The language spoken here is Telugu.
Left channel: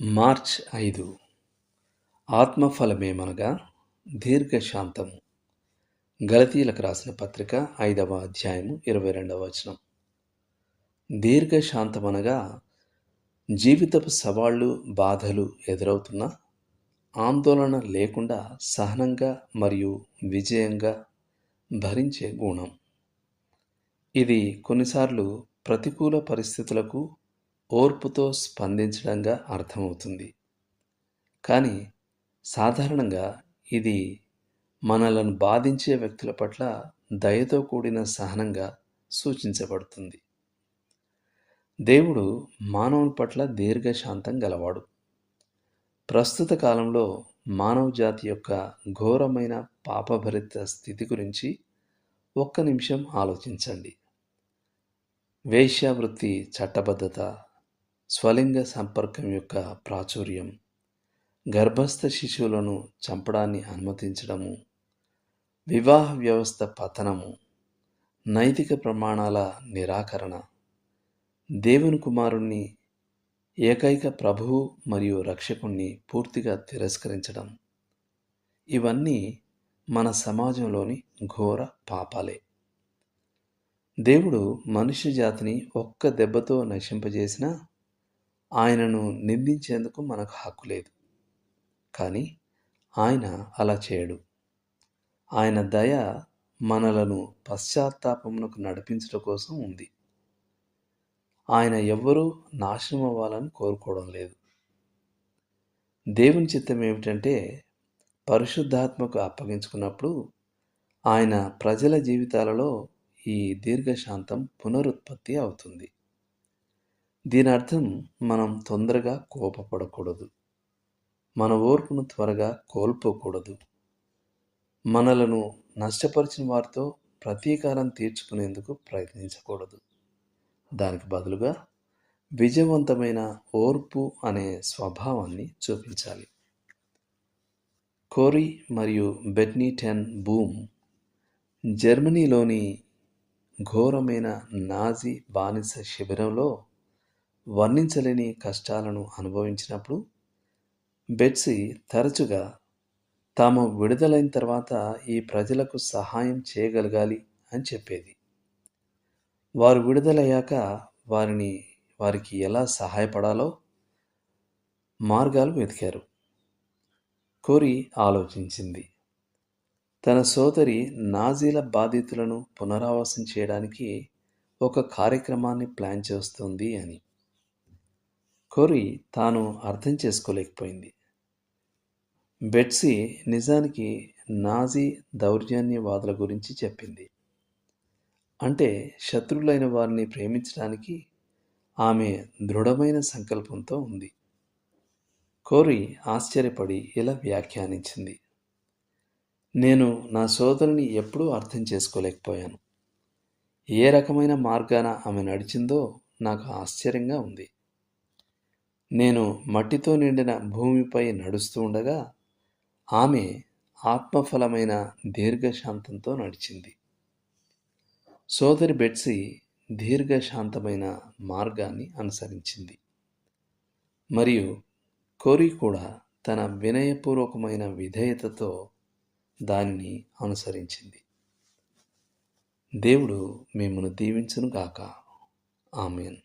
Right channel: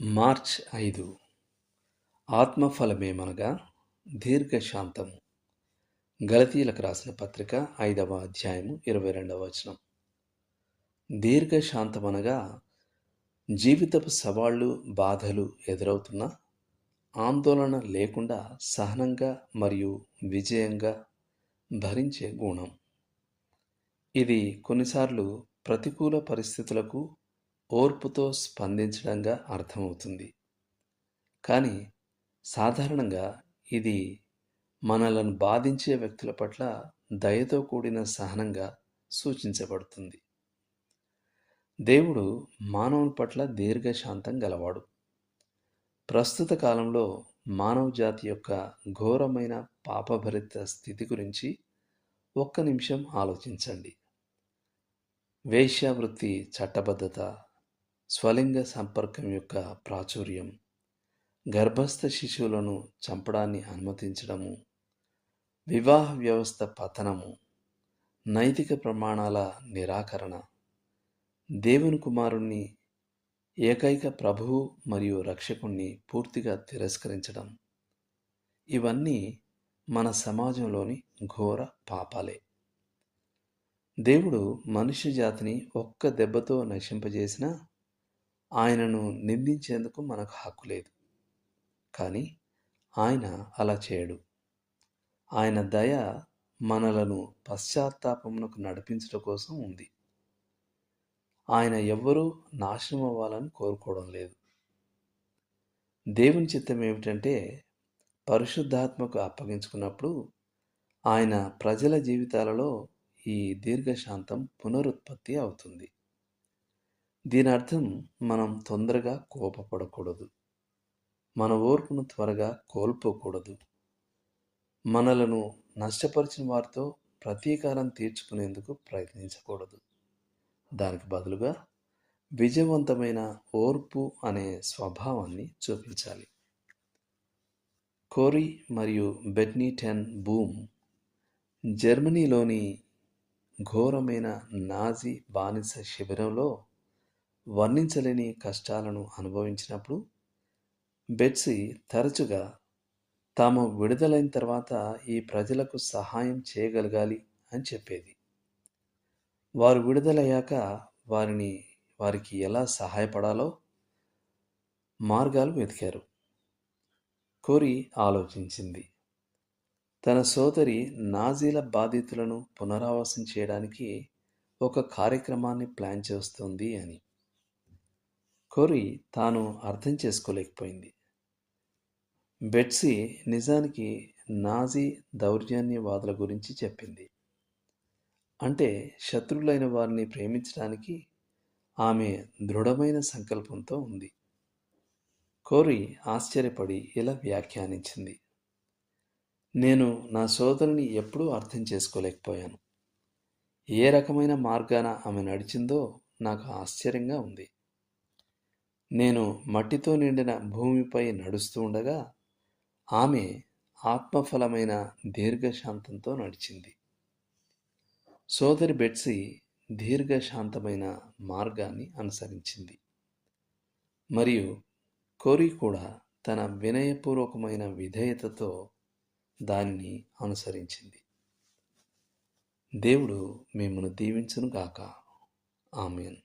మార్చ్ 5 ఆత్మఫలమేమనగా దీర్ఘశాంతము. గలతీయులకు రాసిన పత్రిక 5వ అధ్యాయము 22వ వచనం. దీర్ఘశాంతమనగా జీవితపు సవాళ్లు, బాధలు ఎదురవుతున్నా ఆందోళన లేకుండా సహనంగా మరియు విజయంగా భరించే గుణం. ఇది కొన్నిసార్లు ప్రతికూల పరిస్థితులకు ఓర్పుతో స్పందించడంగా అర్థమవుతుంది. కానీ సాధారణంగా ఇది మనలను బాధించే వ్యక్తుల పట్ల దయతో కూడిన సహనంగా సూచించబడుతుంది. దేవుడు మానవుని పట్ల దీర్ఘశాంతం గలవాడు. ప్రస్తుత కాలంలో మానవ జాతి యొక్క ఘోరమైన పాపభరిత స్థితి గురించి ఒక్క నిమిషం ఆలోచించండి. వేశ్యావృత్తి చట్టబద్ధత, స్వలింగ సంపర్కం యొక్క ప్రాచుర్యం, గర్భస్థ శిశువులను చంపడాన్ని అనుమతించడము, వివాహ వ్యవస్థ పతనము, నైతిక ప్రమాణాల నిరాకరణ, దేవుని కుమారుణ్ణి, ఏకైక ప్రభువు మరియు రక్షకుణ్ణి పూర్తిగా తిరస్కరించడం, ఇవన్నీ మన సమాజంలోని ఘోర పాపాలే. దేవుడు మనుష్య జాతిని ఒక్క దెబ్బతో నశింపజేసినా ఆయనను నిందించేందుకు మనకు హక్కు లేదు. కానీ ఆయన అలా చేయడు. ఆయన దయ మనలను పశ్చాత్తాపమునకు నడిపించడం కోసం ఉంది. ఆయన ఎవ్వరూ నాశనం అవ్వాలని కోరుకోవడం లేదు. దేవుని చిత్తం ఏమిటంటే పరిశుద్ధాత్మకు అప్పగించుకున్నప్పుడు ఆయన ప్రజల జీవితాలలో ఈ దీర్ఘశాంతం పునరుత్పత్తి అవుతుంది. దీని అర్థం మనం తొందరగా కోపపడకూడదు, మన ఓర్పును త్వరగా కోల్పోకూడదు, మనలను నష్టపరిచిన వారితో ప్రతీకారం తీర్చుకునేందుకు ప్రయత్నించకూడదు. దానికి బదులుగా విజయవంతమైన ఓర్పు అనే స్వభావాన్ని చూపించాలి. కోరీ మరియు బెట్నీ టెన్ బూమ్ జర్మనీలోని ఘోరమైన నాజీ బానిస శిబిరంలో వర్ణించలేని కష్టాలను అనుభవించినప్పుడు బెట్సీ తరచుగా తాము విడుదలైన తర్వాత ఈ ప్రజలకు సహాయం చేయగలగాలి అని చెప్పేది. వారు విడుదలయ్యాక వారికి ఎలా సహాయపడాలో మార్గాలు వెతికారు. కోరీ ఆలోచించింది. తన సోదరి నాజీల బాధితులను పునరావాసం చేయడానికి ఒక కార్యక్రమాన్ని ప్లాన్ చేస్తుంది అని. కోరీ తాను అర్థం చేసుకోలేకపోయింది. బెట్సీ నిజానికి నాజీ దౌర్జన్యవాదుల గురించి చెప్పింది. అంటే శత్రువులైన వారిని ప్రేమించడానికి ఆమె దృఢమైన సంకల్పంతో ఉంది. కోరీ ఆశ్చర్యపడి ఇలా వ్యాఖ్యానించింది: నేను నా సోదరుని ఎప్పుడూ అర్థం చేసుకోలేకపోయాను. ఏ రకమైన మార్గాన ఆమె నడిచిందో నాకు ఆశ్చర్యంగా ఉంది. నేను మట్టితో నిండిన భూమిపై నడుస్తూ ఉండగా ఆమె ఆత్మఫలమైన దీర్ఘశాంతంతో నడిచింది. సోదరి బెట్సీ దీర్ఘశాంతమైన మార్గాన్ని అనుసరించింది మరియు కోరీ కూడా తన వినయపూర్వకమైన విధేయతతో దానిని అనుసరించింది. దేవుడు మిమ్మల్ని దీవించును గాక. ఆమేన్.